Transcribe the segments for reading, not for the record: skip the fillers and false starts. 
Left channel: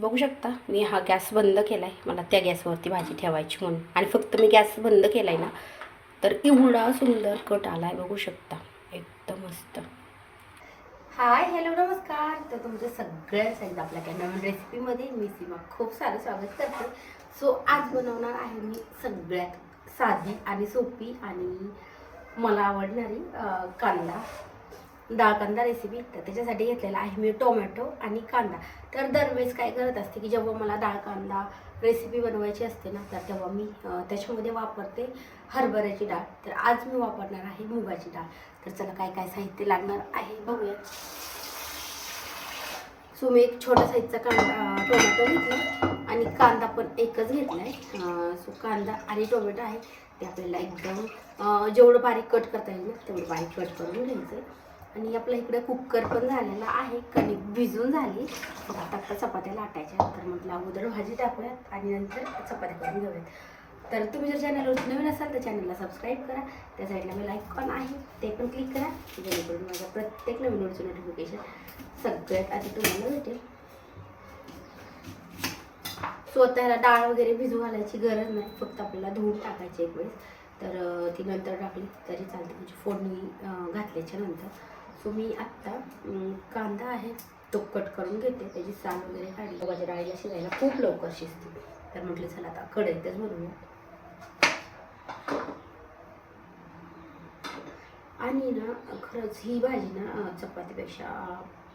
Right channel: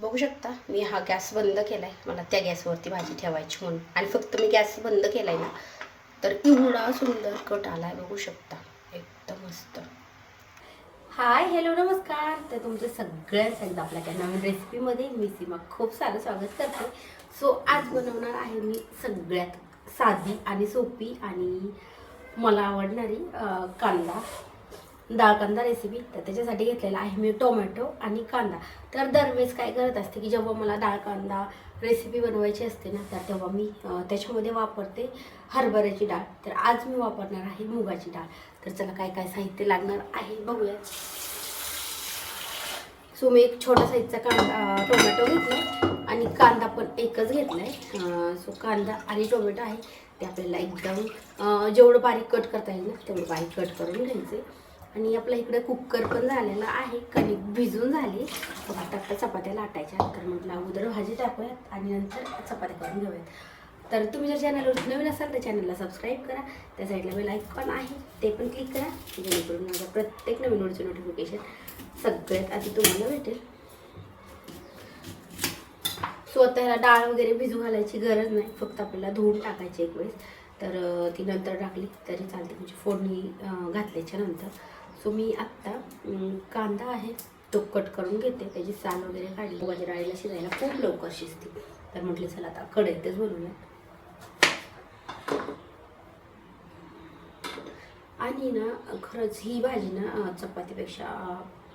बघू शकता मी हा गॅस बंद केलाय, मला त्या गॅसवरती भाजी ठेवायची म्हणून. आणि फक्त मी गॅस बंद केलाय ना तर एवढा सुंदर कट आलाय, बघू शकता, एकदम मस्त. हाय, हॅलो, नमस्कार. तर तुमचं सगळ्यांचं एकदा आपल्या काही नवीन रेसिपीमध्ये मी सीमा खूप सारं स्वागत करते. सो आज बनवणार आहे मी सगळ्यात साधी आणि सोपी आणि मला आवडणारी कांदा डाळ कांदा रेसिपी. तर त्याच्यासाठी घेतलेला आहे मी टोमॅटो आणि कांदा. तर दरवेळेस काय करत असते की जेव्हा मला डाळ कांदा रेसिपी बनवायची असते ना, तर तेव्हा मी त्याच्यामध्ये वापरते हरभऱ्याची डाळ. तर आज मी वापरणार आहे मुगाची डाळ. तर चला काय काय साहित्य लागणार आहे बघूया. सो मी एक छोटा साईजचा टोमॅटो घेतला आणि कांदा पण एकच घेतला आहे. सो कांदा आणि टोमॅटो आहे ते आपल्याला एकदम जेवढं बारीक कट करता येईल ना तेवढं बारीक कट करून घ्यायचं आहे. आणि आपल्या इकडे कुकर पण झालेला आहे, कणिक भिजून झाली. मग आता चपात्या लाटायच्या. तर म्हटलं अगोदर भाजी टाकूयात आणि नंतर चपात्या करून घेऊयात. तर तुम्ही जर चॅनलवर नवीन असाल तर चॅनलला सबस्क्राईब करा. त्या साईडला बेल आयकॉन आहे ते पण क्लिक करा, जेणेकरून माझा प्रत्येक नवीन व्हिडिओचं नोटिफिकेशन सगळ्यात आधी तुम्हाला भेटेल. स्वतःला डाळ वगैरे भिजू घालायची गरज नाही, फक्त आपल्याला धुवून टाकायची एक वेळेस. तर ती नंतर टाकली तरी चालते, म्हणजे फोडणी घातल्याच्या नंतर. सो मी आत्ता कांदा आहे तो कट करून घेते, त्याची साल वगैरे काढली. मुगाच्या डाळीला शिजायला खूप लवकर शिजते. तर म्हटलं चला आता कढईतच बनवूया. आणि ना खरंच ही भाजी ना चपातीपेक्षा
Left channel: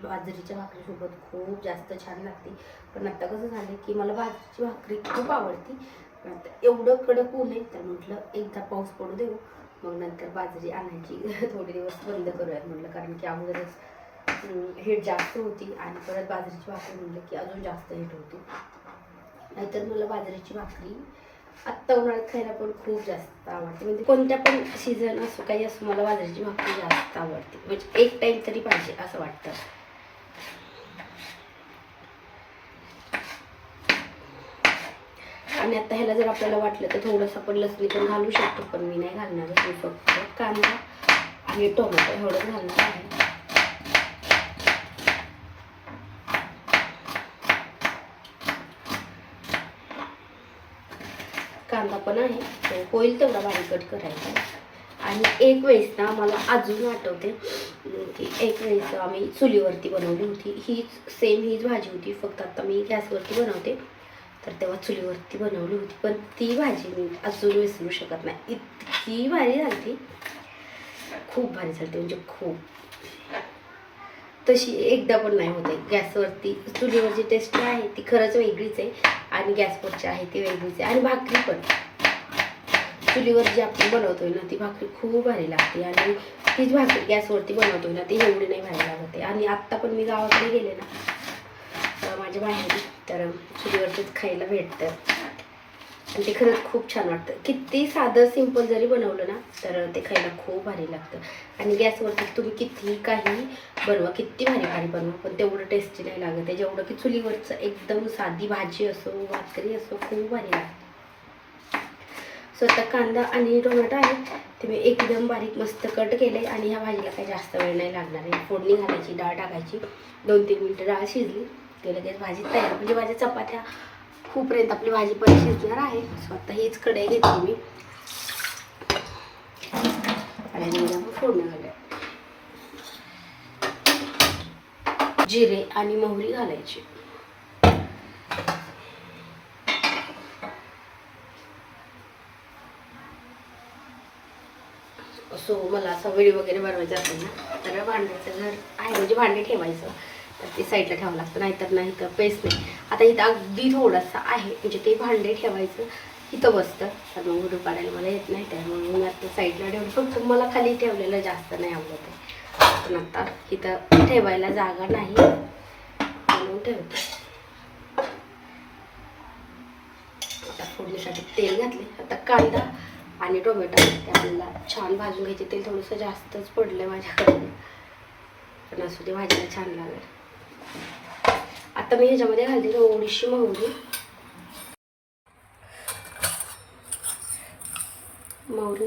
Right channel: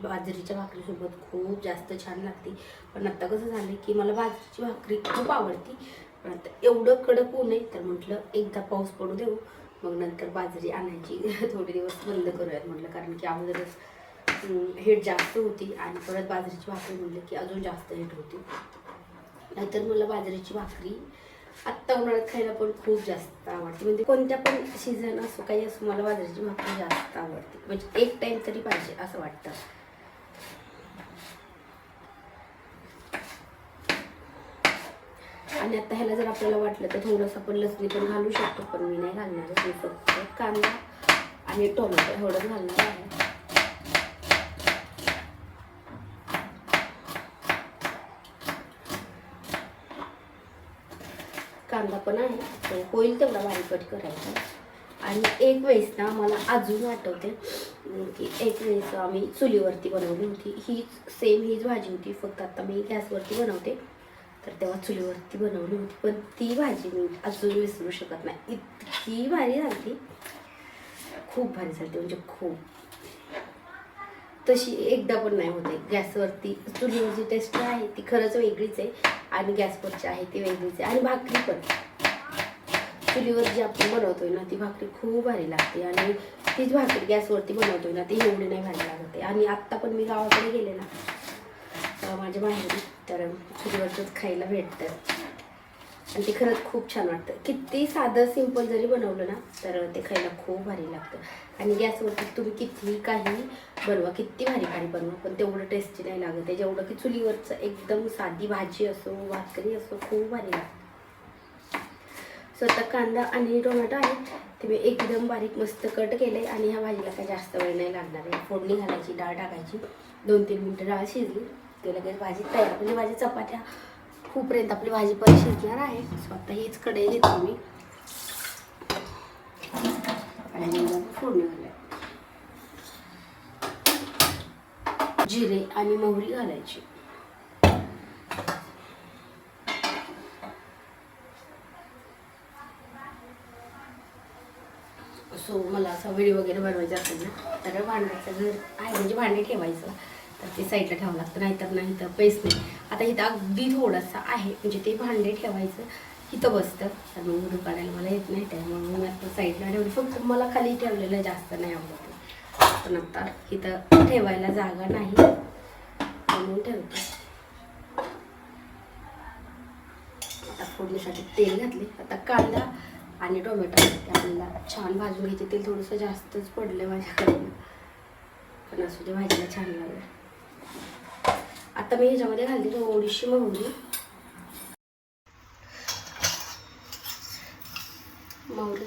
बाजरीच्या भाकरीसोबत खूप जास्त छान लागते. पण आत्ता कसं झालं की मला बाजरीची भाकरी खूप आवडती, पण आता एवढं कडक होऊ नये. तर म्हटलं एकदा पाऊस पडू देऊ, मग नंतर बाजरी आणायची थोडे दिवस बंद करूयात म्हटलं. कारण की अगोदरच हीट जास्त होती आणि परत बाजरीची भाकरी म्हटलं की अजून जास्त हीट होती. नाहीतर मला बाजरीची भाकरी आत्ता उन्हाळ्यात खायला पण खूप जास्त आवडते. म्हणजे कोणत्या पण सीझन असो काही असो, मला बाजरीची भाकरी जास्त आवडते. म्हणजे एक टाईम तरी पाहिजे असं वाटतं. आणि आता ह्याला जर आपल्याला वाटलं तर थोडंसं आपण लसणी पण घालू शकतो, पण मी नाही घालणार. मी फक्त कांदा आणि टोमॅटो एवढंच घालणार आहे. कांदा पण आहे तो होईल तेवढा बारीक कट करायचा. आणि एक वेळेस ना मला अजून आठवते की एक वेळेस आम्ही चुलीवरती बनवली होती. हीच भाजी होती, फक्त आता मी गॅसवरती बनवते. तर तेव्हा चुलीवरती बनवली होती, पण ती भाजी मी अजून विसरू शकत नाही. इतकी भारी झाली, खूप भारी झाली, म्हणजे खूप. तशी एकदा पण नाही होते गॅसवरती. चुलीवरची टेस्ट आहे ती खरंच वेगळीच आहे आणि गॅसवरची आहे ती वेगळीच आहे. आणि भाकरी पण चुलीवर जी आपण बनवतोय ना ती भाकरी खूप भारी लागते, आणि तीच भाकरी गॅसवरती बनवतोय ना ती एवढी नाही भारी लागते. आणि आत्ता पण मी गावाकडे गेले ना माझ्या माहेरी, तर चुलीवरतीच खायला भेटतं आणि ते खरंच खूप छान वाटतं. किती साधं सिंपल जरी बनवलं ना तर ते खायला खूप भारी लागतं. आणि गॅसवरती तुम्ही कितीही काही बनवा, किती भारी भारी बनवा, पण तेवढं टेस्टी नाही लागत आहे जेवढं की चुलीवरचं एकदम साधी भाजी असो भाकरी असो खूप भारी लागते. स्वतः कांदा आणि टोमॅटो आहे ते मी एकदम बारीक मस्त कट केले. आणि ह्या भाजीला काही जास्त वेळ नाही लागणार आहे. फोडणी घालायची, डाळ टाकायची, 2-3 मिनटं डाळ शिजली की लगेच भाजी तयार. म्हणजे माझ्या चपात्या खूपपर्यंत आपली भाजी पण शिजणार आहे. स्वतः हीच कढई घेतली मी आणि फोडणी घालूया. जिरे आणि मोहरी घालायची. सो मला असा व्हिडिओ वगैरे बनवायचा असेल ना तर भांड्याचं घर आहे, म्हणजे भांडे ठेवायचं तर ते साईडला ठेवावं लागतं, नाहीतर नाही तर पेस नाही. आता इथं अगदी थोडासा आहे, म्हणजे ते भांडे ठेवायचं इथं बसतं. तर मग व्हिडिओ काढायला मला येत नाही, त्यामुळे मी आता साईडला ठेवलं. फक्त मला खाली ठेवलेलं जास्त नाही आवडत आहे, पण आता इथं ठेवायला जागा नाही म्हणून ठेवते. आता फोडणीसाठी तेल घातले. आता कांदा आणि टोमॅटो ते आपल्याला छान भाजून घ्यायचे. तेल थोडंसं जास्तच पडलं माझ्याकडे, पण असू दे, भाजीला छान लागेल. आता मी ह्याच्यामध्ये घालते थोडीशी मोहरी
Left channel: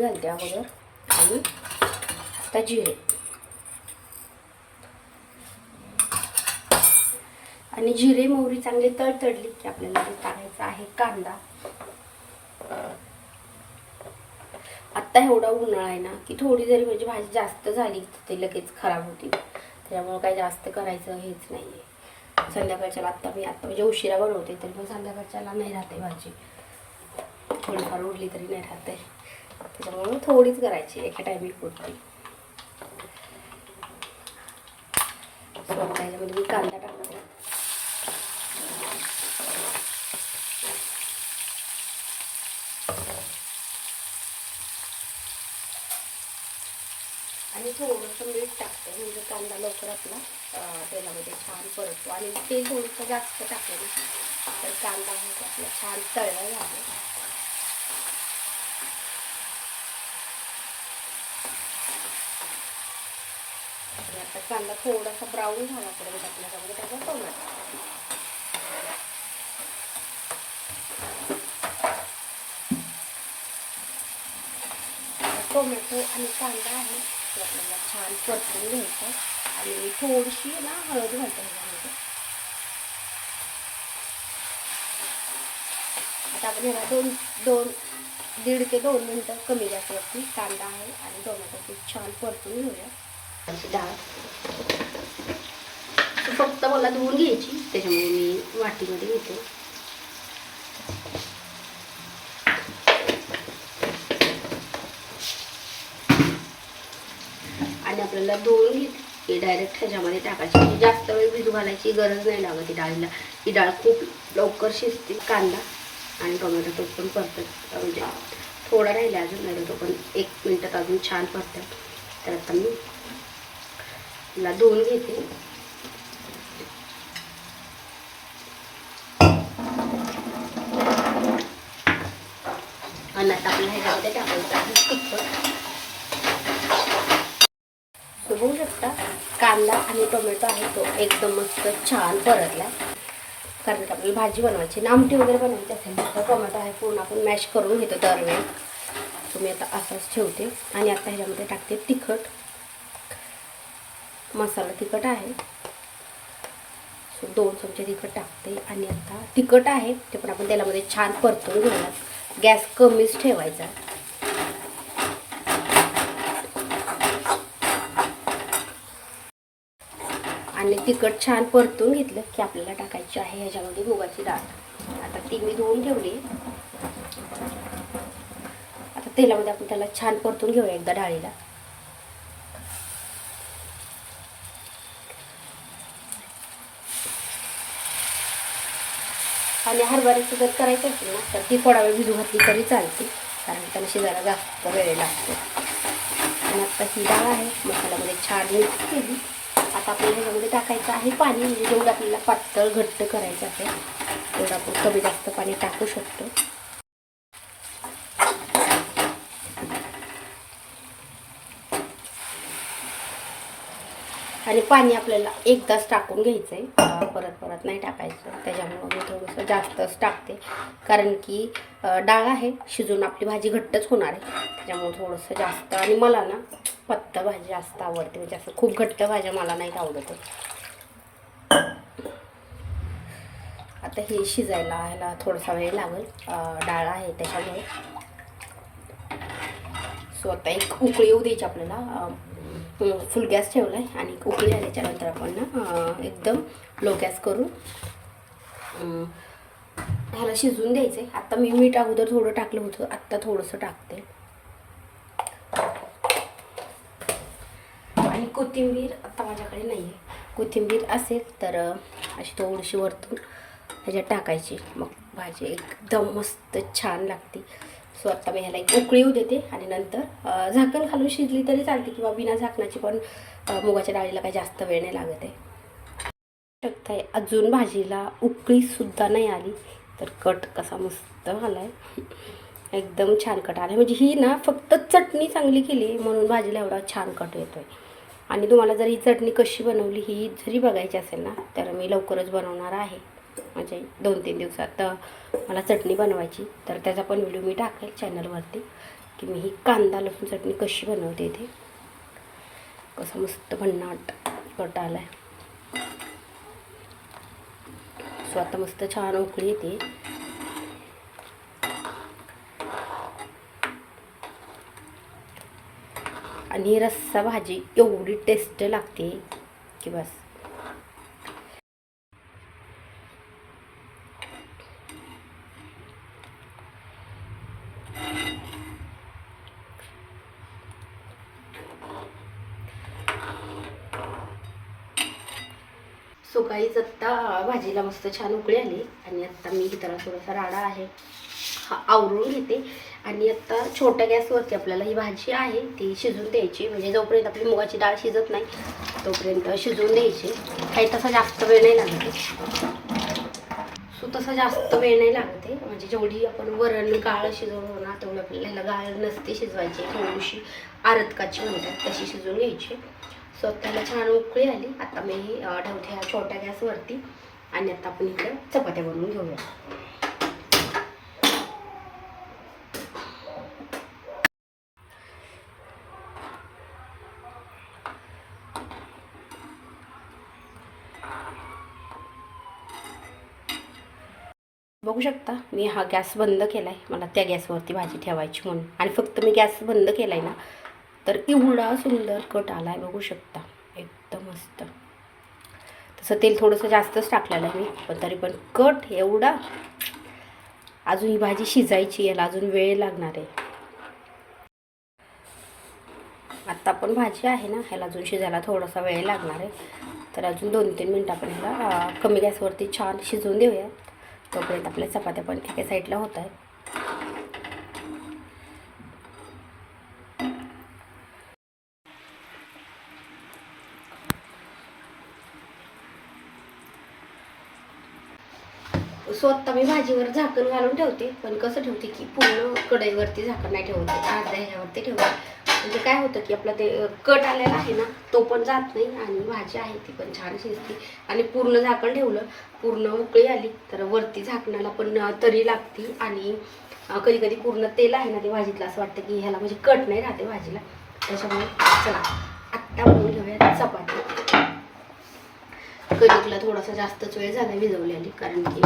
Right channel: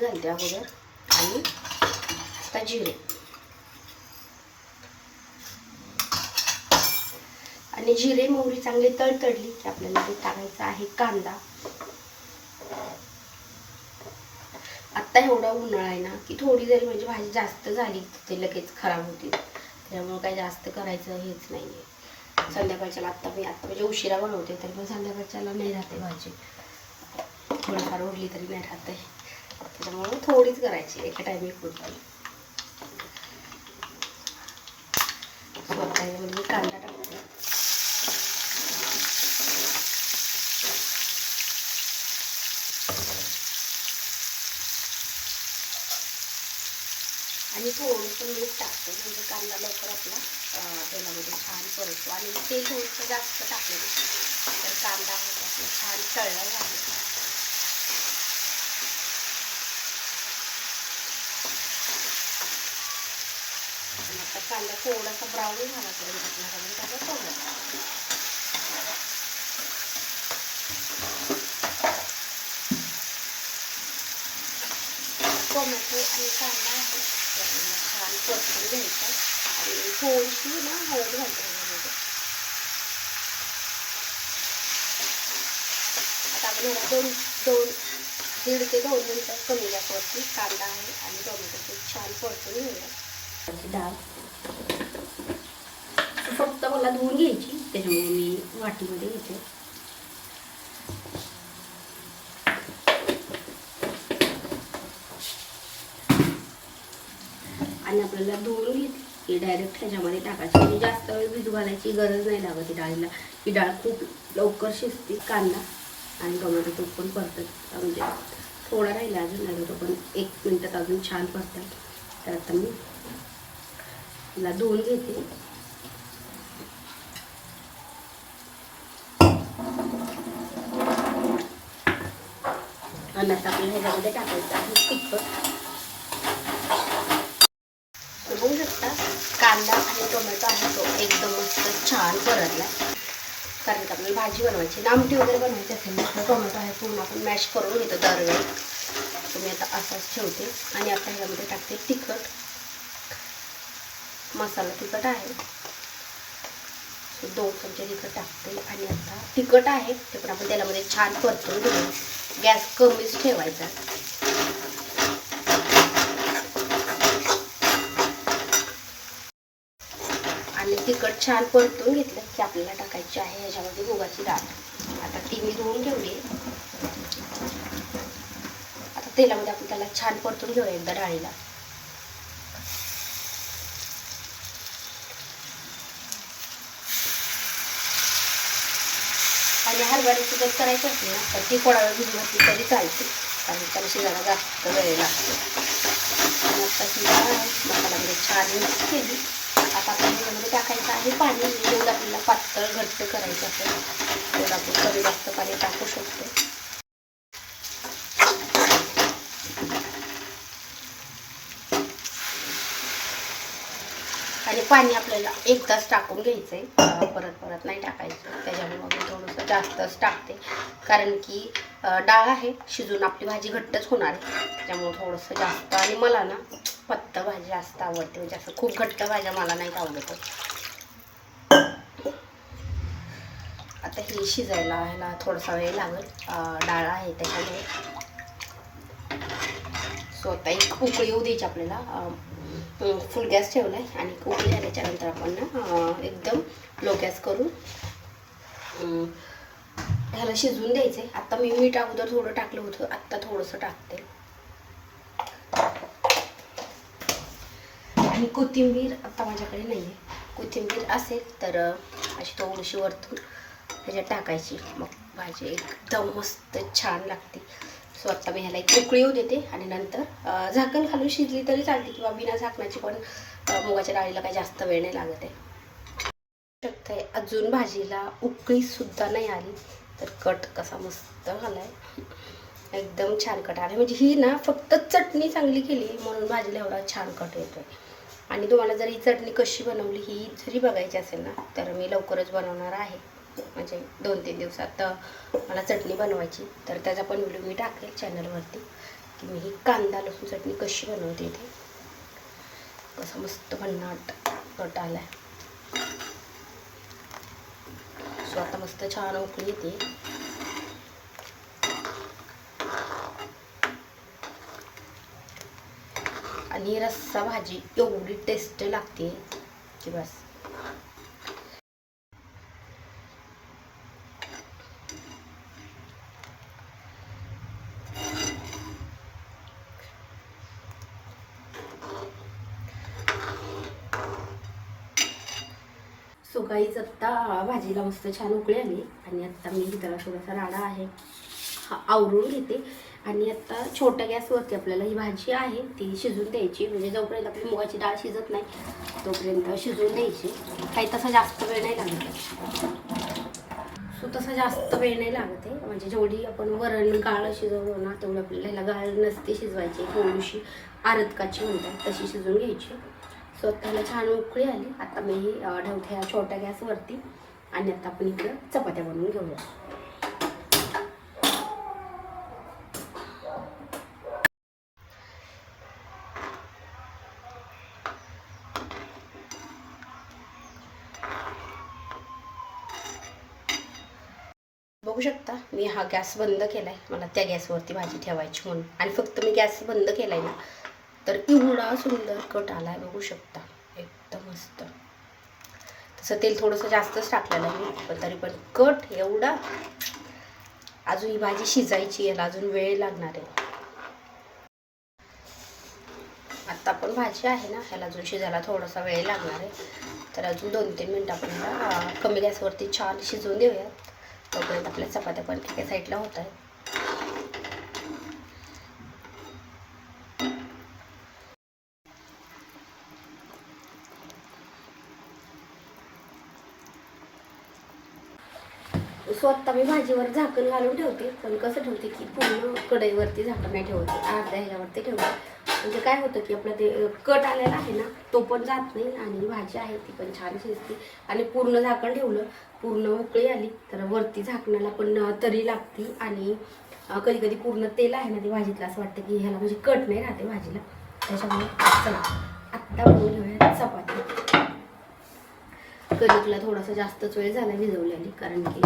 घालते अगोदर, आणि आता जिरे आणि जिरे मोहरी चांगली तडतडली की आपल्याला ते टाकायचा आहे कांदा. आत्ता एवढा उन्हाळा आहे ना की थोडी जरी म्हणजे भाजी जास्त झाली ते लगेच खराब होती, त्यामुळे काही जास्त करायचं हेच नाही आहे. संध्याकाळच्याला आत्ता म्हणजे उशिरा बनवते तरी पण संध्याकाळच्याला नाही राहते भाजी, थोडीफार उरली तरी नाही राहते, त्याच्यामुळे थोडीच करायची एका टायमिंग पुरती. स्वतःमध्ये मी कांदा टाकते. आणि थोडंसं मीठ टाकते म्हणजे कांदा लवकर आपला तेलामध्ये छान परततो. आणि तेल थोडंसं जास्त टाकलं तर कांदा आहे आपला छान तळला झाला. आणि आता कांदा थोडासा ब्राऊन झाल्यापर्यंत आपल्याकडे त्याचा टोमॅटो आणि कांदा आहे ते आपल्याला छान परतून घ्यायचं. आणि थोडीशी ना हळद घालते ह्याच्यामध्ये. आता आपण दीड ते 2 मिनिटं कमी गॅसवरती कांदा आहे आणि टोमॅटो छान परतून घेऊया. डाळ फक्त मला धुवून घ्यायची, त्याच्यामुळे मी वाटीमध्ये घेते. आणि आपल्याला धुवून घेतली की डायरेक्ट ह्याच्यामध्ये टाकायची, म्हणजे जास्त वेळ भिजू घालायची गरज नाही लागत डाळीला. ही डाळ खूप लवकर शिजते. कांदा आणि टोमॅटो तो पण परतत म्हणजे थोडा राहिला अजून, नाही तो पण 1 मिनिटात अजून छान परतात. तर आता मी ला धुवून घेते. आणि आता आपल्या ह्याच्यामध्ये टाकायचं आहे तिखट. बघू शकता कांदा आणि टोमॅटो आहे तो एकदम मस्त छान परतला. कारण आपल्याला भाजी बनवायची ना, आमटी वगैरे बनवायची असेल तर टोमॅटो आहे पूर्ण आपण मॅश करून घेतो दरवेळी. तुम्ही आता असाच ठेवते. आणि आता ह्याच्यामध्ये टाकते तिखट. मसाला तिखट आहे 2 चमचे तिखट टाकते. आणि आता तिखट आहे ते पण आपण तेलामध्ये छान परतून घेऊया. गॅस कमीच ठेवायचा. आणि तिखट छान परतून घेतलं की आपल्याला टाकायची आहे ह्याच्यामध्ये मुगाची डाळ. आता ती मी धुवून ठेवली. आता तेलामध्ये आपण त्याला छान परतून घेऊया एकदा डाळीला. आणि हरभऱ्याची जर करायचं असेल ना तर ती थोडा वेळ भिजू घातली तरी चालते, कारण त्याला शिजायला जास्त वेळ लागतो. आणि आता ही डाळ आहे मसाल्यामध्ये छान मिक्स केली. आता आपण ह्याच्यामध्ये टाकायचं आहे पाणी. म्हणजे जेवढं आपल्याला पातळ घट्ट करायचं असेल तेवढं आपण कमी जास्त पाणी टाकू शकतो. आणि पाणी आपल्याला एकदाच टाकून घ्यायचं आहे, परत नाही टाकायचं. त्याच्यामुळे मी थोडंसं जास्तच टाकते, कारण की डाळ आहे शिजून आपली भाजी घट्टच होणार आहे. त्याच्यामुळे थोडंसं जास्त. आणि मला ना पातळ भाजी जास्त आवडते, म्हणजे असं खूप घट्ट भाज्या मला नाही आवडत. आता हे शिजायला ह्याला थोडासा वेळ लागेल, डाळ आहे त्याच्यामुळे. सो आता एक उकळी येऊ द्यायची आपल्याला. फुल गॅस ठेवला आहे आणि उकळी आल्याच्यानंतर आपण ना एकदम लो गॅस करून ह्याला शिजवून द्यायचं आहे. आता मी मीठ अगोदर थोडं टाकलं होतं, आत्ता थोडंसं टाकते. आणि कोथिंबीर आता माझ्याकडे नाही आहे. कोथिंबीर असेल तर अशी थोडीशी वरतून ह्याच्यात टाकायची, मग भाजी एकदम मस्त छान लागते. सो आता मी ह्याला एक उकळी येऊ देते आणि नंतर झाकण घालून शिजली तरी चालते किंवा बिना झाकणाची पण. मुगाच्या डाळीला काही जास्त वेळ नाही लागत आहे. शकताय अजून भाजीला उकळी सुद्धा नाही आली तर कट कसा मस्त झाला आहे. एकदम छान कट आला. म्हणजे ही ना फक्त चटणी चांगली केली म्हणून भाजीला एवढा छान कट येतोय. आणि तुम्हाला जर ही चटणी कशी बनवली ही जरी बघायची असेल ना तर मी लवकरच बनवणार आहे. म्हणजे 2-3 दिवसात मला चटणी बनवायची, तर त्याचा पण व्हिडिओ मी टाकेल चॅनलवरती की मी ही कांदा लसूण चटणी कशी बनवते. इथे कसं मस्त भन्नाट कट आलाय. सो आता मस्त छान उकळी येते. आणि रस्सा भाजी एवढी टेस्ट लागते की बस. सो गाईज आत्ता भाजीला मस्त छान उकळी आली आणि आत्ता मी त्याला थोडासा राडा आहे हा आवरून घेते. आणि आत्ता छोट्या गॅसवरती आपल्याला ही भाजी आहे ती शिजून द्यायची. म्हणजे जोपर्यंत आपली मुगाची डाळ शिजत नाही तोपर्यंत शिजवून द्यायची. काही तसा जास्त वेळ नाही लागत. सो तसा जास्त वेळ नाही लागत आहे. म्हणजे जेवढी आपण वरण गाळ शिजवतो ना तेवढी आपल्याला ह्याला गाळ नसते शिजवायची. थोडीशी आरतकाची म्हणतात तशी शिजवून घ्यायची. सो त्याला छान उकळी आली. आता मी ही ठेवते ह्या छोट्या गॅसवरती आणि आता आपण इकडं चपात्या बनवून घेऊया. बघू शकता मी हा गॅस बंद केला आहे. मला त्या गॅसवरती भाजी ठेवायची म्हणून. आणि फक्त मी गॅस बंद केला आहे ना तर एवढा सुंदर कट आला आहे. बघू शकता एकदम मस्त. तसं तेल थोडंसं जास्तच टाकलेलं आहे मी पण तरी पण कट एवढा. अजून ही भाजी शिजायची याला अजून वेळ लागणार आहे. आत्ता पण भाजी आहे ना ह्याला अजून शिजायला थोडासा वेळ लागणार आहे. तर अजून 2-3 मिनटं आपल्याला कमी गॅसवरती छान शिजवून देऊयात. तोपर्यंत आपल्या चपात्या पण एका साईडला होत आहेत. सो आत्ता मी भाजीवर झाकण घालून ठेवते. पण कसं ठेवते की पूर्ण कढईवरती झाकण नाही ठेवते. अर्ध्या ह्याच्यावरती ठेवते. म्हणजे काय होतं की आपला ते कट आलेला आहे ना तो पण जात नाही आणि भाजी आहे ती पण छान शिजते. आणि पूर्ण झाकण ठेवलं पूर्ण उकळी आली तर वरती झाकणाला पण तरी लागती. आणि कधी कधी पूर्ण तेल आहे ना ते भाजीतलं असं वाटतं की ह्याला म्हणजे कट नाही राहते भाजीला. त्याच्यामुळे चला आत्ता बनवून घेऊया चपाती. कणिकला थोडासा जास्तच वेळ झाला भिजवलेली कारण की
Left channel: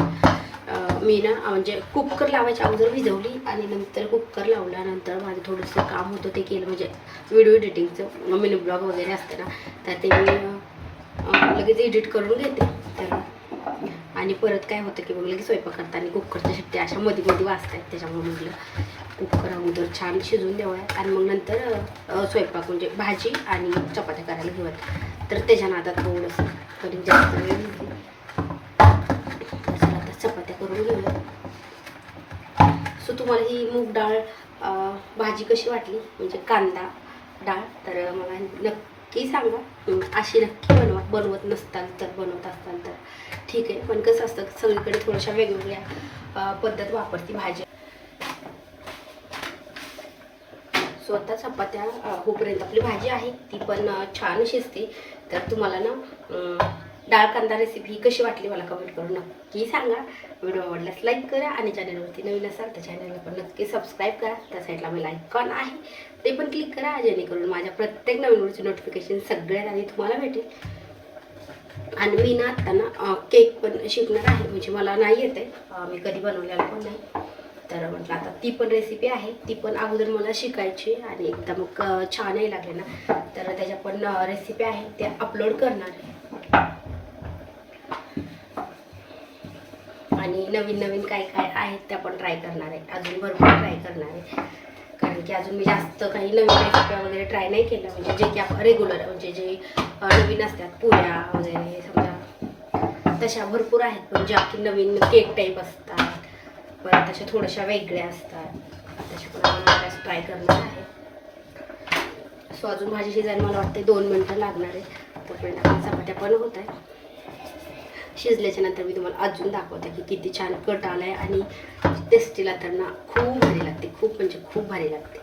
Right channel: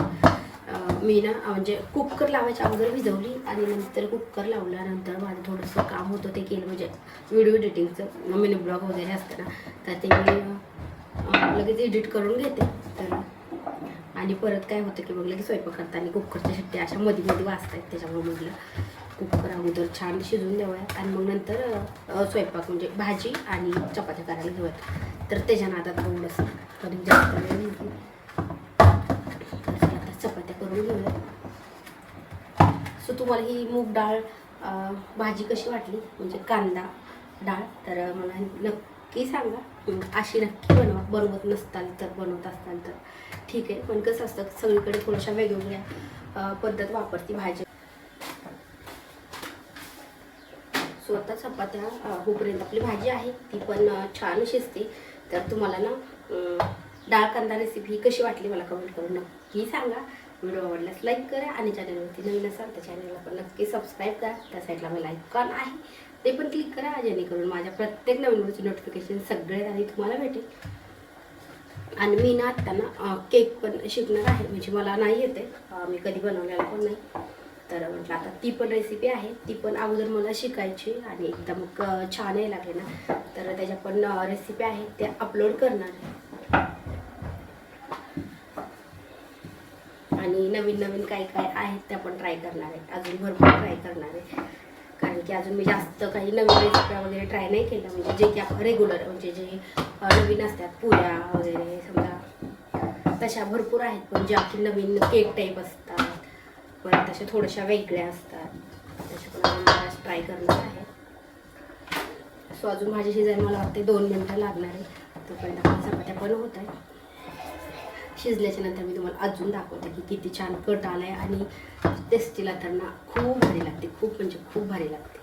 मी ना म्हणजे कुकर लावायच्या अगोदर भिजवली आणि नंतर कुकर लावल्यानंतर माझं थोडंसं काम होतं ते केलं. म्हणजे व्हिडिओ एडिटिंगचं मिनी ब्लॉग वगैरे असतं ना तर ते मी लगेच एडिट करून घेते. तर आणि परत काय होतं की मग लगेच स्वयंपाक करताना कुकरच्या शिट्ट्या अशा मध्ये मध्ये वाजत आहेत. त्याच्यामुळे म्हटलं कुकर अगोदर छान शिजवून द्यावयात आणि मग नंतर स्वयंपाक म्हणजे भाजी आणि चपात्या करायला घेऊयात. तर त्याच्या नादात थोडंसं कधी जास्त वेळ घेतली. चला आता चपात्या करून घेऊया. सो तुम्हाला ही मूग डाळ भाजी कशी वाटली म्हणजे कांदा डाळ तर मला नक्की सांगा. अशी नक्की बनवत नसताल तर बनवत असताल तर ठीक आहे. पण कसं असतं सगळीकडे थोड्याशा वेगवेगळ्या पद्धत वापरती भाजी. स्वतः चपात्या होईपर्यंत आपली भाजी आहे ती पण छान शिजते. तर तुम्हाला ना डाळ कांदा रेसिपी कशी वाटली मला कमेंट करून नक्की सांगा. व्हिडिओ आवडल्यास लाईक करा आणि चॅनलवरती नवीन असाल तर चॅनलला पण नक्की सबस्क्राईब करा. त्या साईडला मी आयकॉन आहे ते पण क्लिक करा जेणेकरून माझ्या प्रत्येक नवीन व्हिडिओची नोटिफिकेशन सगळ्यात आधी तुम्हाला भेटेल. आणि मी ना आत्ता ना केक पण शिकणार आहे. म्हणजे मला नाही येते मी कधी बनवलेला पण नाही. तर म्हटलं आता ती पण रेसिपी आहे ती पण अगोदर मला शिकायची आणि एकदा मग छानही लागले ना तर त्याच्या पण रेसिपी आहे त्या अपलोड करणार आहे. आणि नवीन नवीन काय काय आहेत त्या पण ट्राय करणार आहे. अजून भरपूर ट्राय करणार आहे कारण की अजून मी जास्त काही नवीन रेसिपी वगैरे ट्राय नाही केलं. म्हणजे जे की आपण रेग्युलर म्हणजे जे नवीन असतात पुऱ्या वगैरे समजा तशा भरपूर आहेत. पण ज्या की नवीन केक टाईप असतात परत तशा थोड्याशा वेगळ्या असतात तशा पण मला ट्राय करणार आहे. सो अजून भाजी शिजायला मला वाटते 2 मिनटं लागणार आहे. तोपर्यंत आपण चपात्या पण होत आहे. शिजल्याच्या नंतर मी तुम्हाला अजून दाखवते की किती छान कट आला आहे आणि टेस्टीला तर ना खूप भारी लागते. खूप म्हणजे खूप भारी लागते.